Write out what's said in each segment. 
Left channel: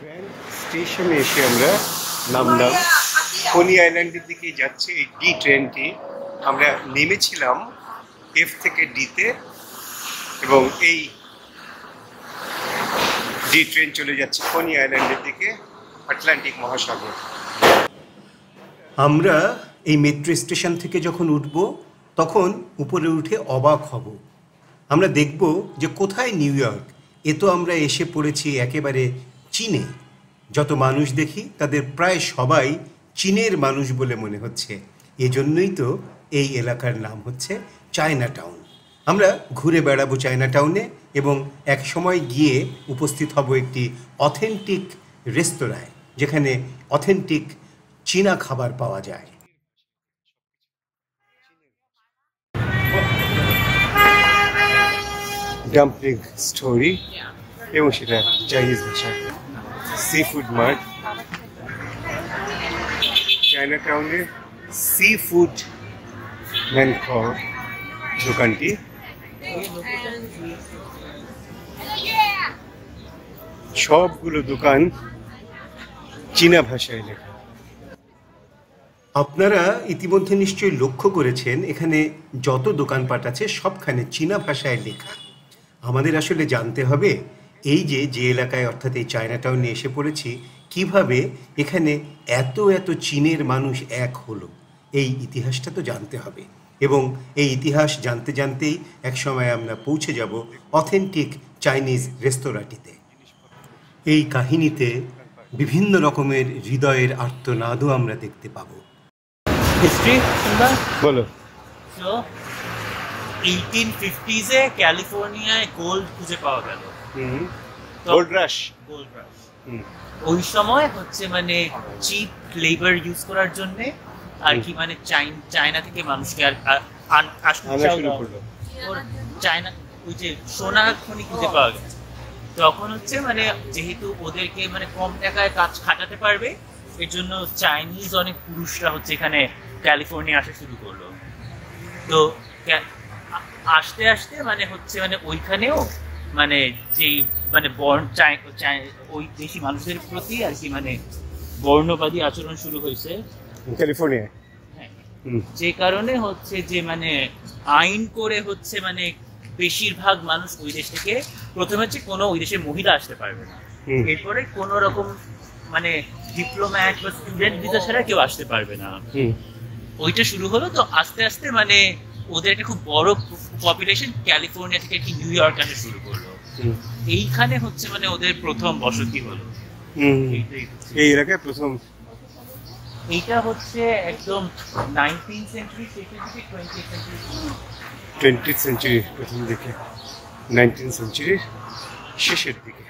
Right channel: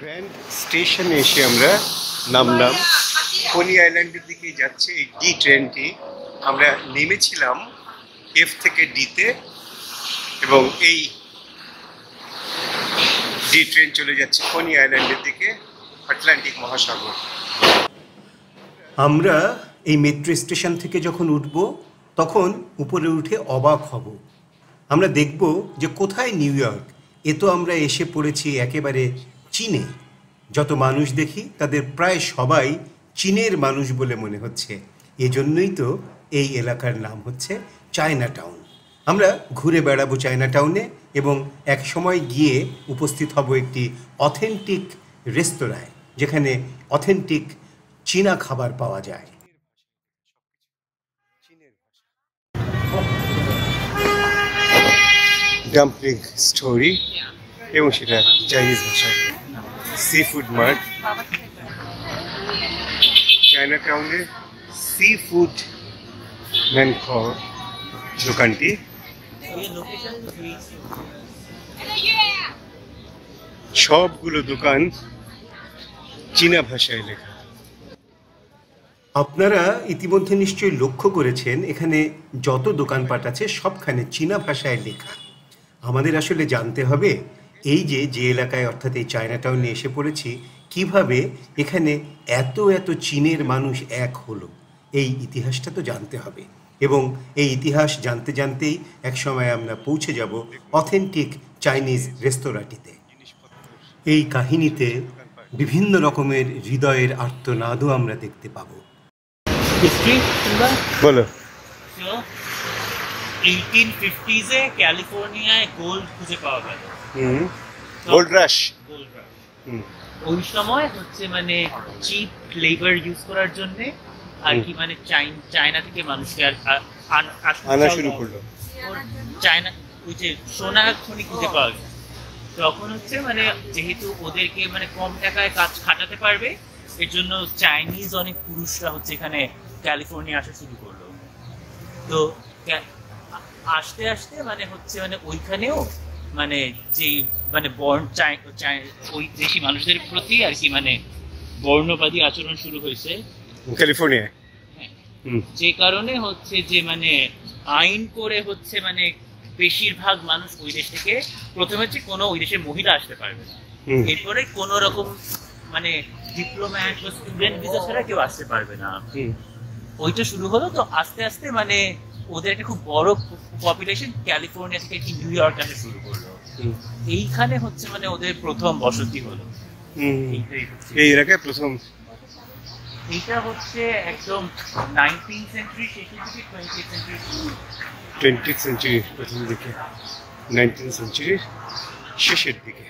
Grand স্টেশনে এসে আমরা নামলাম। কোনি আইল্যান্ডের দিকে যাচ্ছে এই ডি ট্রেনটি। আমরা নেমেছিলাম এফ থেকে ডিতে, এবং এই ডি ট্রেন চলে যাচ্ছে কোনি আইল্যান্ডের দিকে, আটলান্টিক মহাসাগর। আমরা এই মেট্রো স্টেশন থেকে যখন উঠব তখন উপরে উঠে অবাক হব। আমরা দেখব যে কোথায় নিউ ইয়র্ক, এ তো আমরা এসে পড়েছি একেবারে চীনে। যত মানুষ দেখি তাদের প্রায় সবাই চীনের মানুষ বলে মনে হচ্ছে। এজন্যই তো এই এলাকার নাম হচ্ছে চায়না টাউন। আমরা ঘুরে বেড়াবো চায়না টাউনে এবং এক সময় গিয়ে উপস্থিত হব একটি অথেন্টিক রেস্তোরাঁয়, যেখানে অথেন্টিক চীনা খাবার পাওয়া যায়। ডাম্পলিং স্টোরি, এবং সেটা চাইনিজ ভাষায়। সি ফুড মার্ট, চায়না টাউনে সি ফুড ম্যান খাওয়া দোকানটি। সবগুলো দোকান চীনা ভাষায় লেখা। আপনারা ইতিমধ্যে নিশ্চয়ই লক্ষ্য করেছেন এখানে যত দোকানপাট আছে সবখানে চীনা ভাষায় লেখা। আমাদের আসলে জানতে হবে এই যে এলাকায় অর্থাৎ এই চায়না টাউনে এসে পড়েছি, কিভাবে এখানে এত এত চীনের মানুষ এক হলো, এই ইতিহাসটা তো জানতে হবে। এবং এই ইতিহাস জানতে জানতেই একসময় আমরা পৌঁছে যাব অথেন্টিক চাইনিজ রেস্তোরাঁটিতে। এই কাহিনীতে বিভিন্ন রকমের হৃদয়ের আর্তনাদও আমরা দেখতে পাবো। বলো। 1850s এ ক্যালিফোর্নিয়ায় গোল্ড খুঁজে পাওয়া গেল। গোল্ড রাশ। ওই সময় হচ্ছে মানে চিপ লেবার ইউজ করার জন্য আর কি, মানে চায়না থেকে মানুষকে আনা শুরু করলো। চায়না ওই যে সোনার খনি খুঁজে পাওয়া গেছে, তখন হচ্ছে মানে যেহেতু ওদেরকে মানে কম টাকায় কাজ খাটাতে পারবে, এর জন্য চাইনিজ অনেক পুরুষরা হচ্ছে এখানে ক্যালিফোর্নিয়া আসা শুরু করলো। তো আস্তে আস্তে মানে হচ্ছে মানে ওইখানেও মানে যে মানে ওই দেশি মানুষদের প্রতি আর কি মানে বর্ণবাদী আচরণ শুরু হয়েছে ক্যালিফোর্নিয়ায়। যে কারণে হচ্ছে যে মানে আইন করে হচ্ছে মানে বেশিরভাগ মানুষ ওই দেশ থেকে, প্রথমে হচ্ছে কোনো ওই দেশের মহিলা আসতে পারবে না, এরপরে কোন রকম মানে ডিপ্লোম্যাট বা স্টুডেন্ট ভিসা ছাড়া কেউ আসতে পারবে না। ওইটা শুরু হলো। তো আস্তে আস্তে মানে ওদের একটা খুব বড় পপুলেশন ক্যালিফোর্নিয়া থেকে কি নিউ ইয়র্ক আসা শুরু করলো। এইখানে হচ্ছে মানে ওদের প্রথম বসতি হলো। এই এলাকায় প্রথম। এইটা হচ্ছে একদম 19th সেঞ্চুরি শেষের দিকে 20th সেঞ্চুরির প্রথম দিকে, 19th সেঞ্চুরির শেষের দিকে।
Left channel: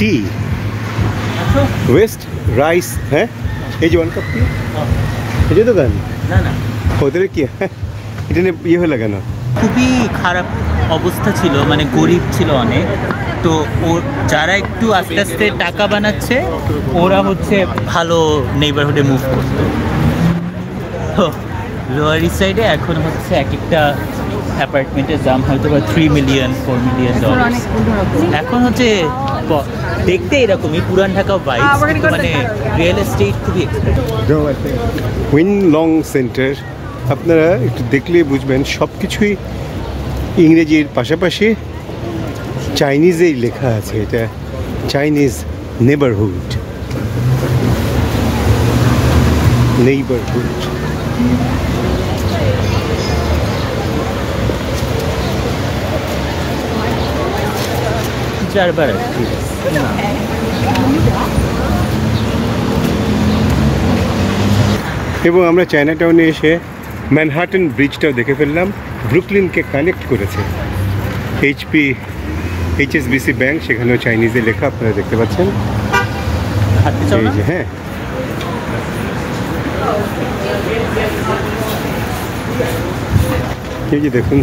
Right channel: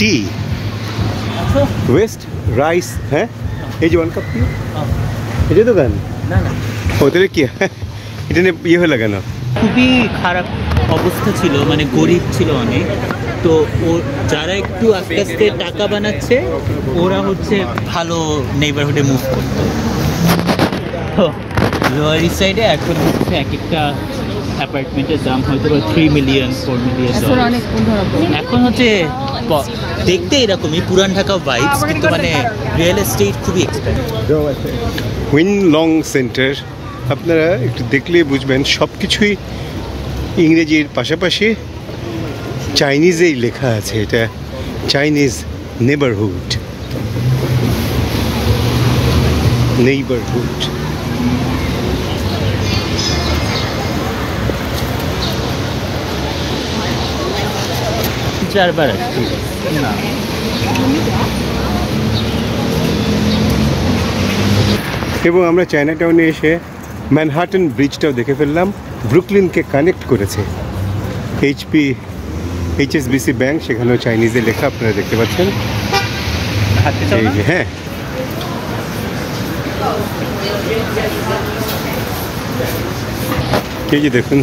টি ওয়েস্ট রাইস, হ্যাঁ এই যে 1 কাপ টি, এটা দোকান না না ওদের কি এটা নিয়ে ইয়ে হয়ে লাগানো। খুবই খারাপ অবস্থা ছিল, মানে গরিব ছিল অনেক। তো যারা একটু আস্তে আস্তে টাকা বানাচ্ছে ওরা হচ্ছে ভালো নেইবারহুডে মুভ করতো। তো লোয়ার ইস্ট সাইডে এখন হচ্ছে এক একটা অ্যাপার্টমেন্টের দাম হয়তো বা 3 মিলিয়ন 4 মিলিয়ন ডলার। এখন হচ্ছে দেখতে এরকমই পুরান ঢাকা ভাইবস, কিন্তু মানে রিয়েল এস্টেট খুবই এক্সপেন্সিভ। উইন লং সেন্টার আপনারা একটু দেখলেই বুঝবেন সব কিছুই ইংরেজির পাশাপাশি চাইনিজেই লেখা আছে। এটা চাইনিজ নেইবারহুড। এবং আমরা চায়না টাউনে এসে ম্যানহাটন ব্রিজটাও দেখে ফেললাম। ব্রুকলিনকে কানেক্ট করেছে। HSBC ব্যাংক, সেখানেও চাইনিজে লেখা আপনারা দেখতে পাচ্ছেন। এই যে হ্যাঁ, এই যে দেখুন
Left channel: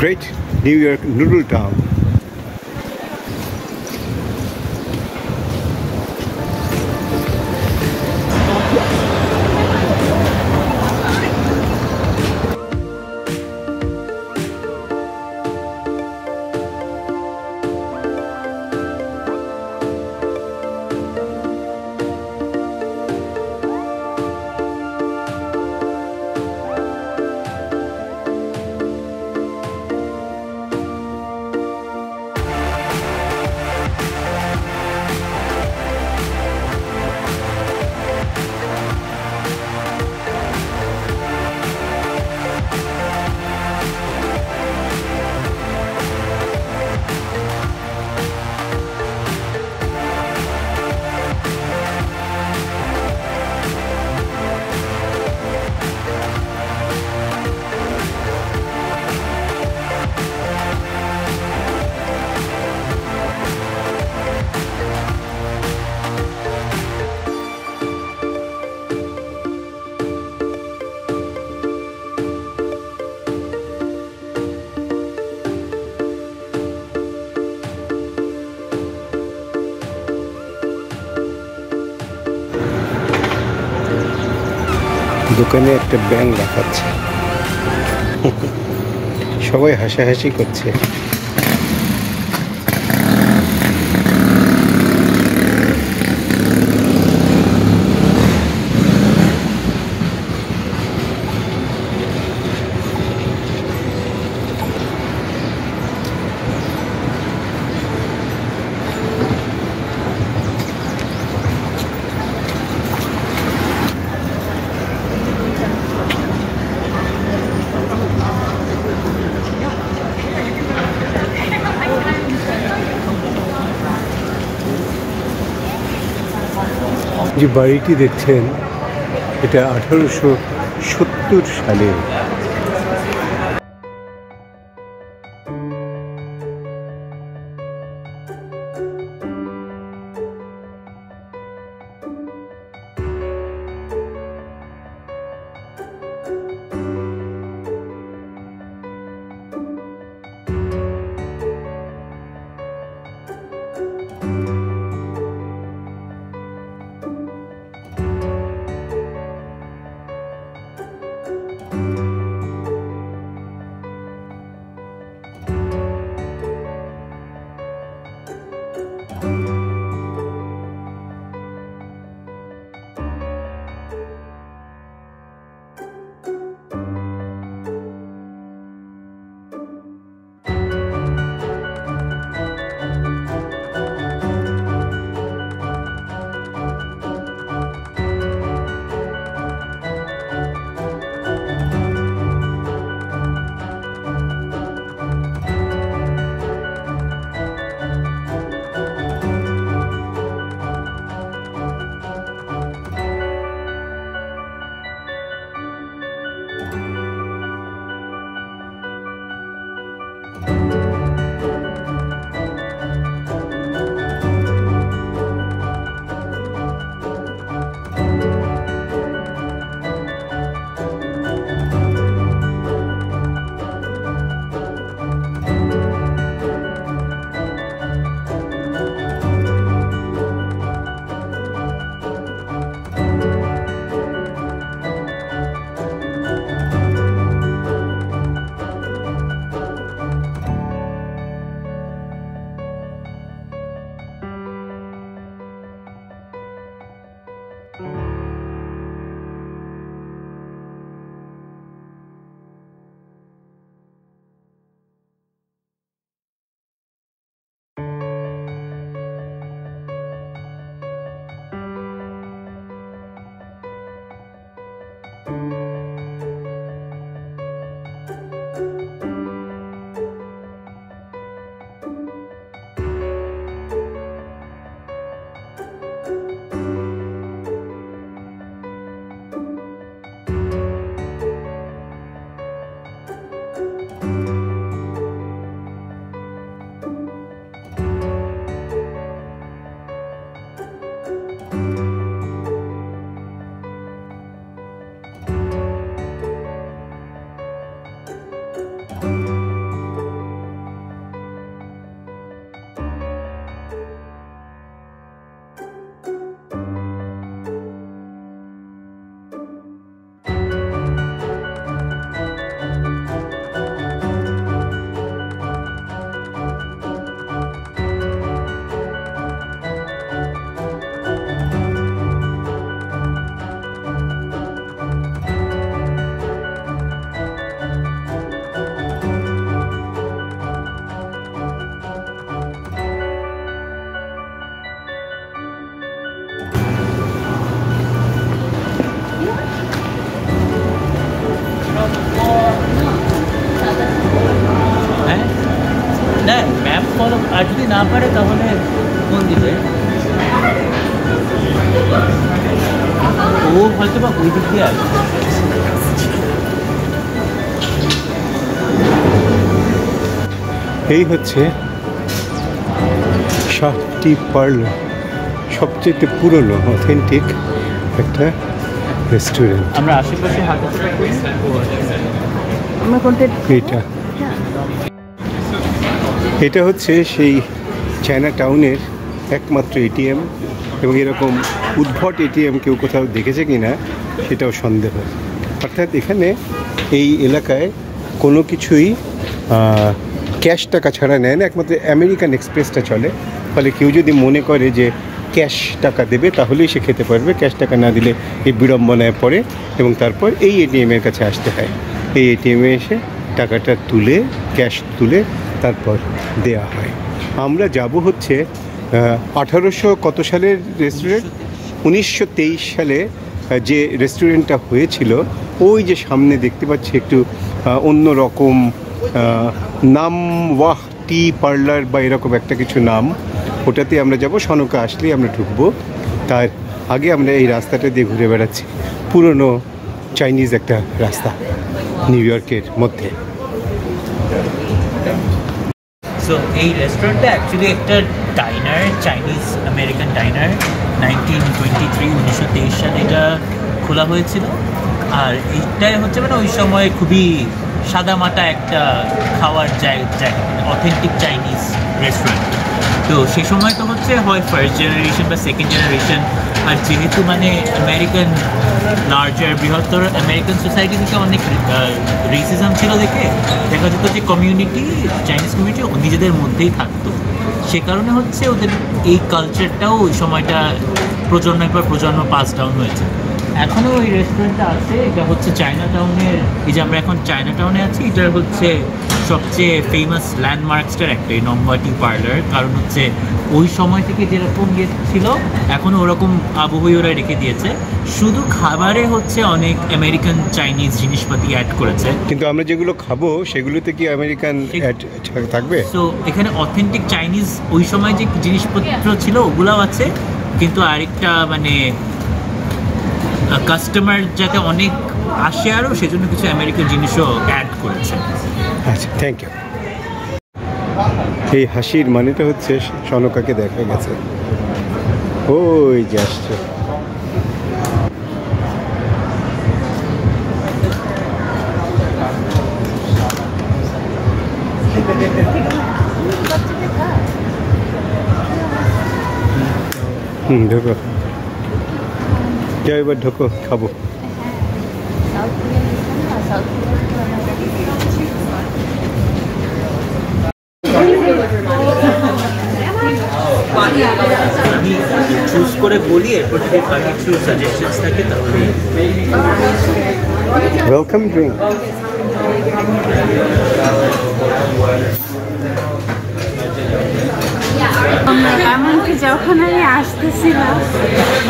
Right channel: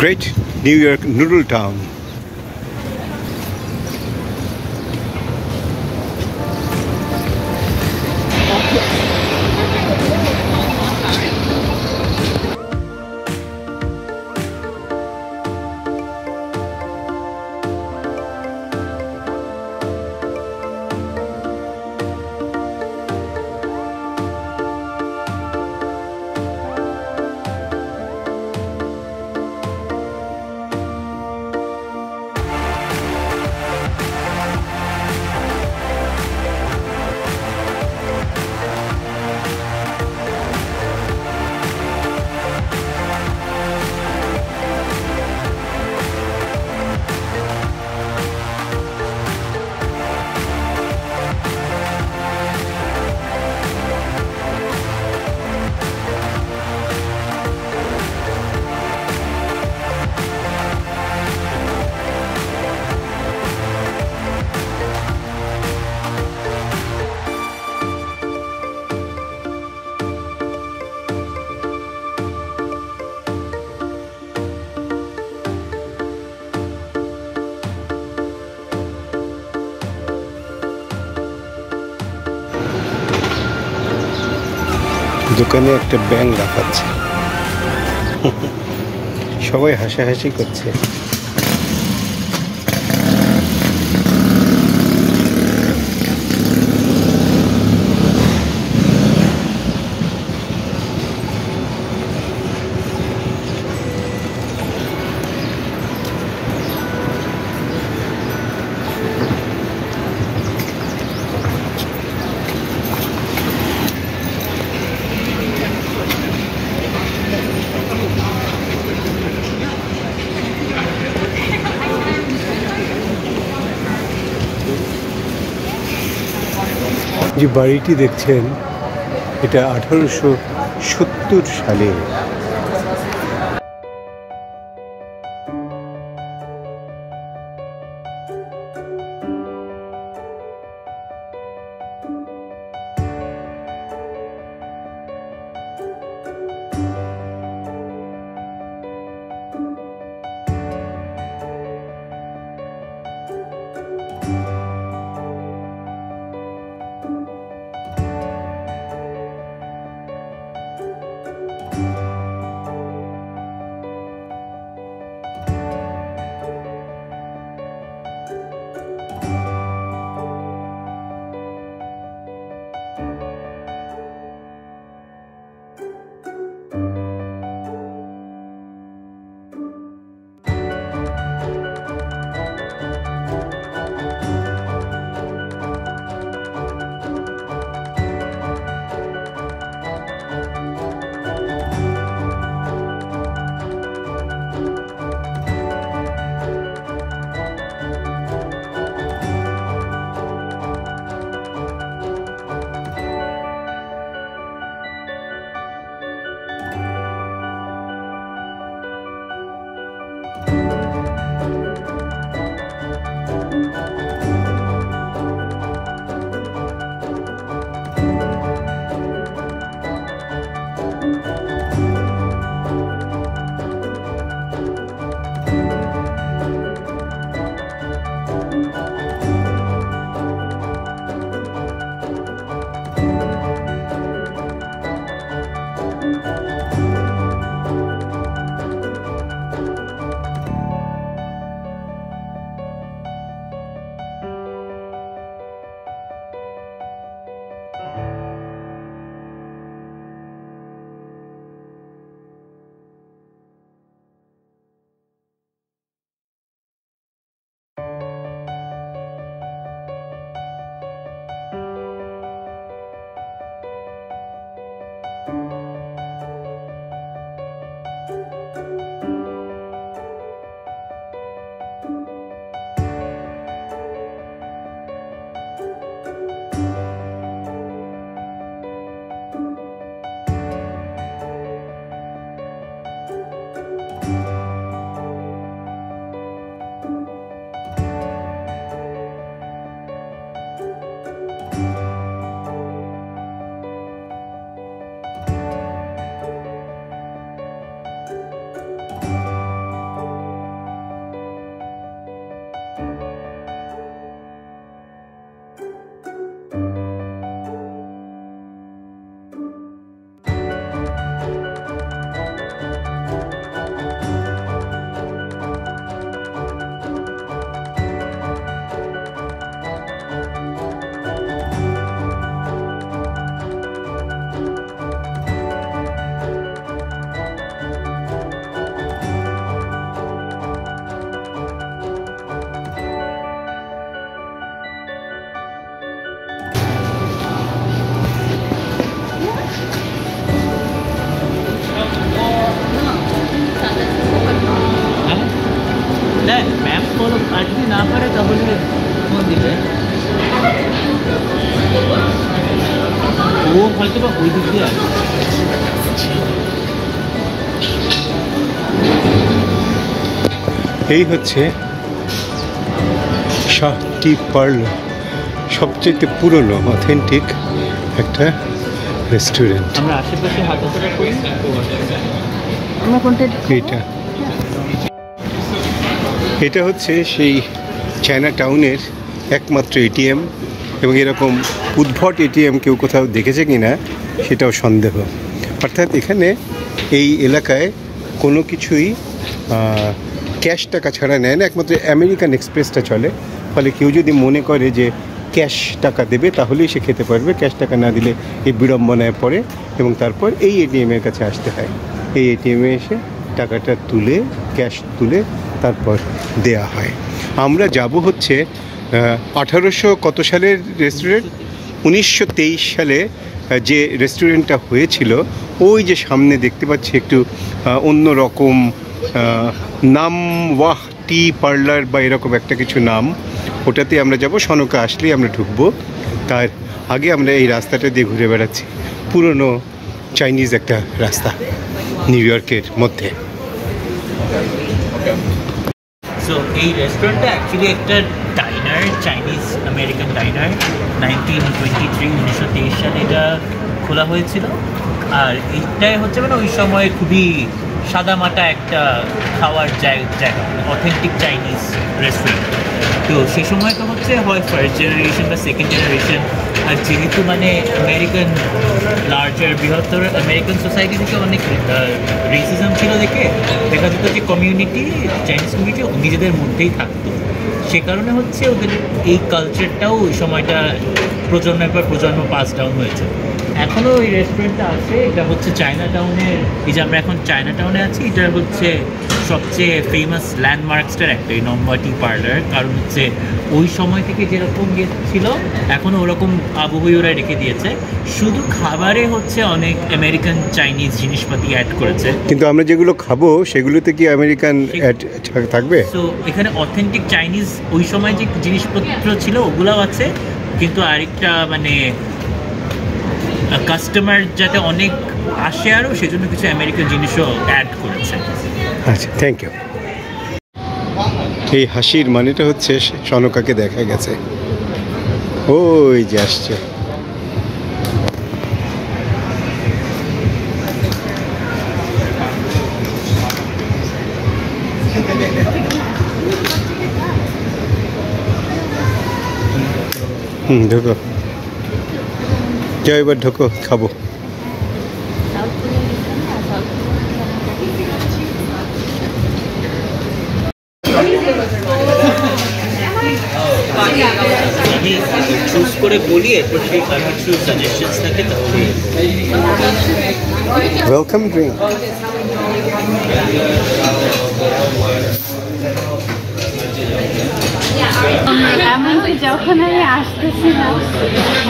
great new York noodle town. দোকানে একটা ব্যাঙ লাফাচ্ছে, সবাই হাসাহাসি করছে। যে বাড়িটি দেখছেন এটা 1870 সালে। এই হচ্ছে শাহ টি পার্লার, সবচেয়ে পুরনো অথেন্টিক একটা রেস্টুরেন্ট। আমরা আশেপাশে হাঁটাচলা করি। এটা হচ্ছে সেই চায়না টাউনের একমাত্র এটিএম, এবং এরকম উদ্ভট এটিএম কেউ কোথাও দেখেছে কিনা সেটাও সন্দেহ। অর্থাৎ এখানে এই এলাকায় কোনো কিছুই ক্যাশ টাকা ছাড়া নেয় না, একমাত্র আমেরিকান এক্সপ্রেসটা চলে। ফলে কেউ যদি মনে করে যে ক্যাশ টাকা দেবে তাহলেই সে খেতে পারবে, ক্যাশ টাকা না দিলে এই বিড়ম্বনায় পড়ে এবং তারপর এই এটিএমের কাছে আসতে হয়। এই এটিএমে এসে টাকাটা তুলে, ক্যাশ তুলে তারপর দেয়া হয়। আমরা যাব হচ্ছে 1800 কত সালের রেস্টুরেন্ট, 1923 সালে যে রেস্টুরেন্টটা হয়েছিল, ওই যে সামনে দেখতে পাচ্ছি একটু অন্য রকম নাম, ওয়াহ টি পার্লার বা এরকম একটা কিছু নাম, ওটাতে আমরা যাব। সনকা আসলেই আমরা ঢুকবো। তার আগে আমরা এই রাস্তাটা দিয়ে ঘুরে বেড়াচ্ছি, পুরনো চাইনিজ একটা রাস্তা নিউ ইয়র্কের মধ্যে। সো এই রেস্টুরেন্টটা অ্যাকচুয়ালি একটা ডাইনার, চাইনিজ আমেরিকান ডাইনার। 1923 সালে এটা খোলা হয়েছিল। আর এইটাই হচ্ছে মানে ওই সময় খুবই সাদামাটা একটা খাওয়ার জায়গা, মানে অথেন্টিক চাইনিজ রেস্টুরেন্ট। তো সে সময় তো হচ্ছে হয় ফার্স্ট জেনারেশন বা সেকেন্ড জেনারেশন। আর যেহেতু মানে আমেরিকান লার্জার, বৃহত্তর আমেরিকান সোসাইটি থেকে অনেক রেসিজম ছিল, দেখা যেত যে কমিউনিটি, চাইনিজ কমিউনিটি নিজেদের মধ্যেই থাকতো। সে কারণে হচ্ছে ওদের এই কালচারটাও ওই সময়টা প্রজন্মের পর প্রজন্ম পাস ডাউন হয়েছে। এখনও ওই রেস্টুরেন্টটা আছে। এটা হচ্ছে চায়না টাউনের, এই যে আমরা এখন চায়না টাউনে আছি, এটা হচ্ছে সবচেয়ে ফেমাস ল্যান্ডমার্কসটার একটা, এই নম্বর টি পার্লার। কারণ হচ্ছে ওই সময় থেকে যেরকম ছিল এখনও ওরকম আবহাওয়া ওরা রেখে দিয়েছে, শুধু খাবারে হচ্ছে অনেক আমেরিকান চাইনিজ জিনিসপাতি অ্যাড করেছে। কিন্তু আমরা যেগুলো খাবো সেগুলোতে কি আমেরিকান থাকবে? তো এখানে অথেন্টিক চাইনিজ ওই সময় যে জিনিসপত্র ছিল ওগুলাও আছে, কিন্তু আরেকটা মানে কাস্টমার যাতে অনেক আসে আরও, সেজন্য কিছু আমেরিকান জিনিসও অ্যাড করেছে। আচ্ছা, থ্যাংক ইউ। এই হাসির মানেটা হচ্ছে সনকাকে দেখা গেছে, ওই যে আসছে। ঢোকো, যাও এবার ঢোকো, খাবো। আমি চুজ করে বলি, এরপর যদি আর কিছু সাজেশনস থাকে তাহলে। Welcome drink. এমনকি যখন আমি আসতেছিলাম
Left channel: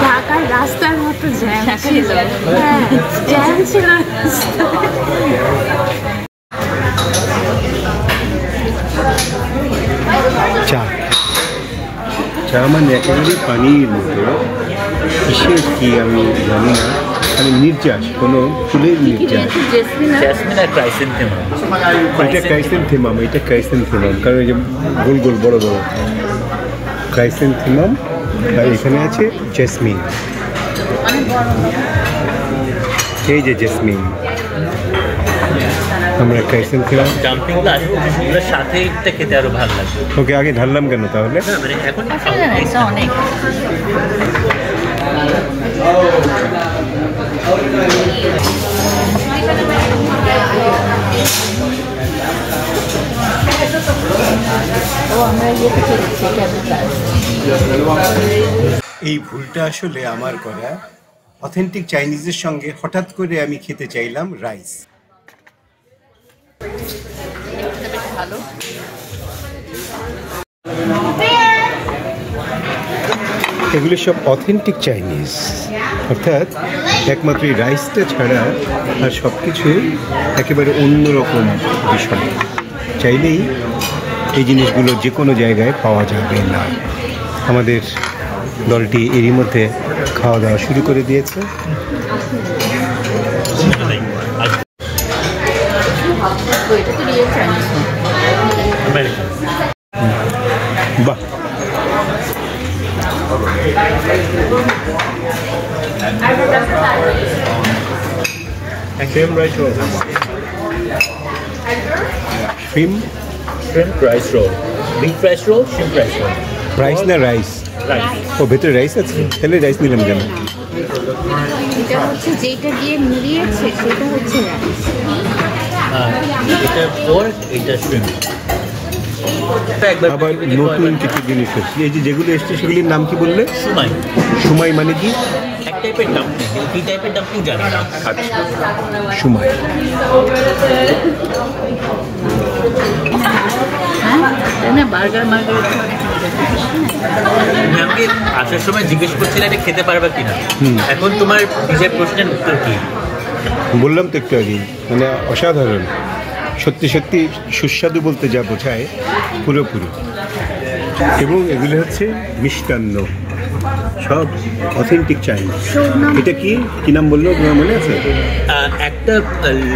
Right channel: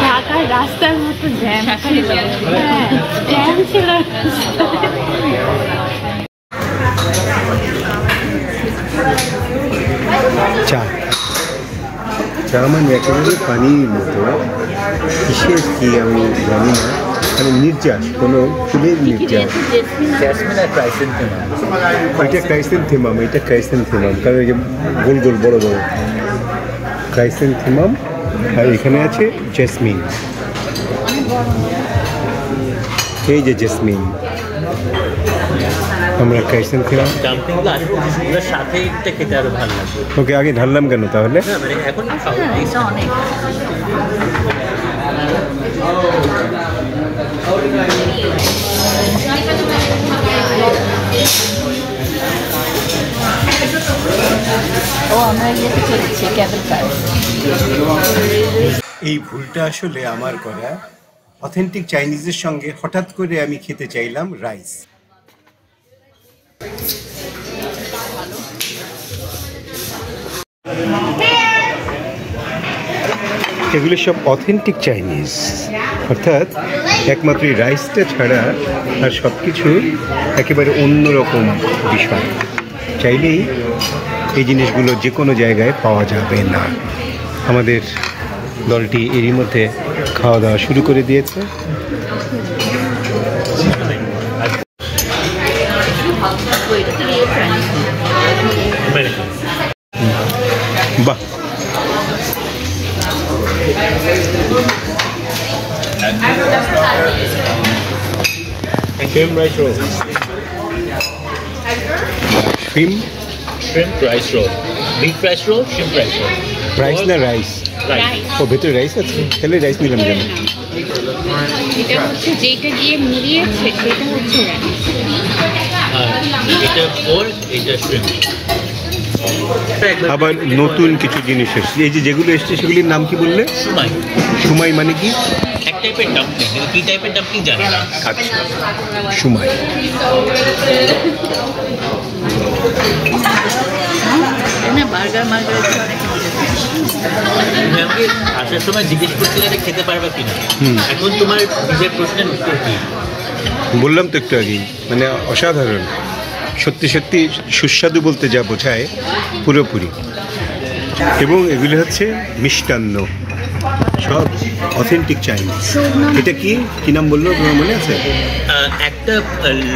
ঢাকার রাস্তার মতো জ্যাম ছিল, হ্যাঁ জ্যাম ছিল চা, চা মানে একেবারে পানির মতো, কিসের কি আমি জানি না, মানে নির্যাস, কোনো ফুলের নির্যাস। জেসমিন আর ক্রাইসেন্থেমাম। এটা ক্রাইসেন্থেমাম, এটা ক্রাইসেন্থেমাম, কারণ এই যে গোল গোল বড় বড় ক্রাইসেন্থেমাম। আর এখানে আছে জেসমিন, এই যে জেসমিন। আমরা ক্রাইসেন্থেমাম ডাম্পলিংগুলো আসলে জিনিসগুলোর সাথে এটা খেতে আরো ভালো লাগবে। ওকে, আগে ঢাললাম কেন তাহলে? মানে এখন অনেক এই ভুলটা আসলে আমার করা। অথেন্টিক চাইনিজের সঙ্গে হঠাৎ করে আমি খেতে চাইলাম রাইস। এগুলো সব অথেন্টিক চাইনিজ, অর্থাৎ একমাত্র এই রাইসটা ছাড়া আর সব কিছু একেবারে অন্যরকম বিষয়। চাইলেই এই জিনিসগুলো যে কোনো জায়গায় পাওয়া যাবে না। আমাদের দলটি এরই মধ্যে খাওয়া দাওয়া শুরু করে দিয়েছে। বাহ, shrimp rice roll. Shrimp rice roll. Beef rice roll, shrimp rice roll. Rice না রাইস? ও ভেতরে রাইস আছে, তাহলে রাইস নিলাম কেন? এটা হচ্ছে যেটা দিয়ে মুড়িয়েছে সেটা হচ্ছে রাইস। এটা পোর্ক, এটা শ্রিম্প। আবার নতুন কিছু জিনিস এসছে, এই যে যেগুলো এসছে সেগুলির নাম কি বললে? সুমাই। সুমাই মানে কি? এক টাইপের ডাম্পলিং, কি টাইপের ডাম্পলিং জানি না। আচ্ছা, সুমাই। তুমি আমাকে আসার সময় জিজ্ঞেস করছিলে যে খেতে পারবে কিনা, এখন তোমার নিজের প্রশ্নের উত্তর কি? বললাম তো একটু আগেই, মানে অসাধারণ, সত্যি সত্যি সুস্বাদু বলতে যা বোঝায় পুরোপুরি। এবং এগুলো হচ্ছে মিষ্টান্ন, সব অথেন্টিক চাইনিজ। এটা কি কি নাম বললো তোমার মনে আছে? একটা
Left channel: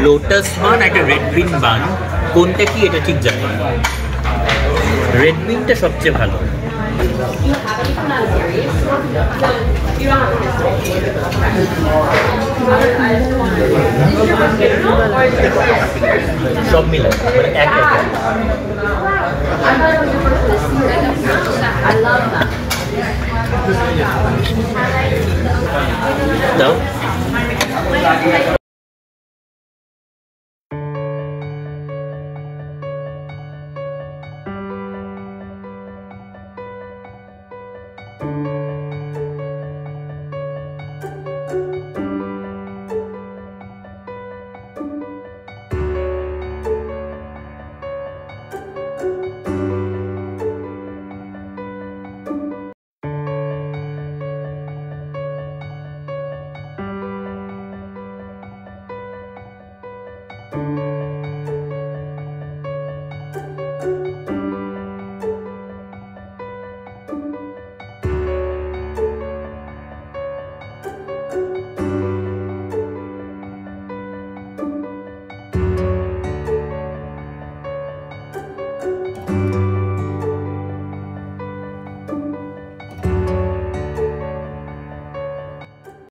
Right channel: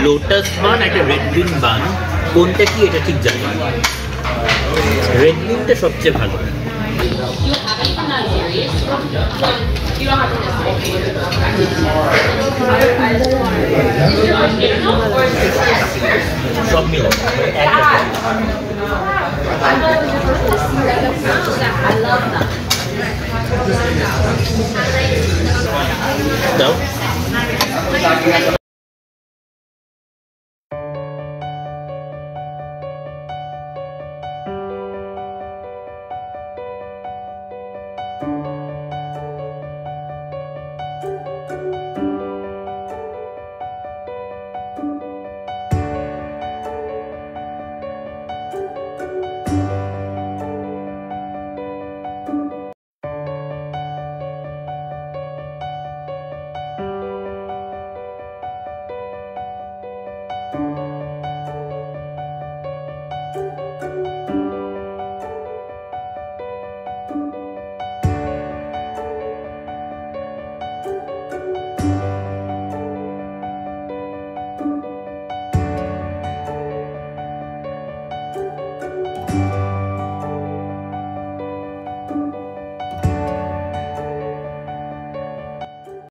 লোটাস বান, একটা রেড বিন বান, কোনটা কি এটা ঠিক জানি না। রেড বিনটা সবচেয়ে ভালো। সব মিলে মানে এক দাও।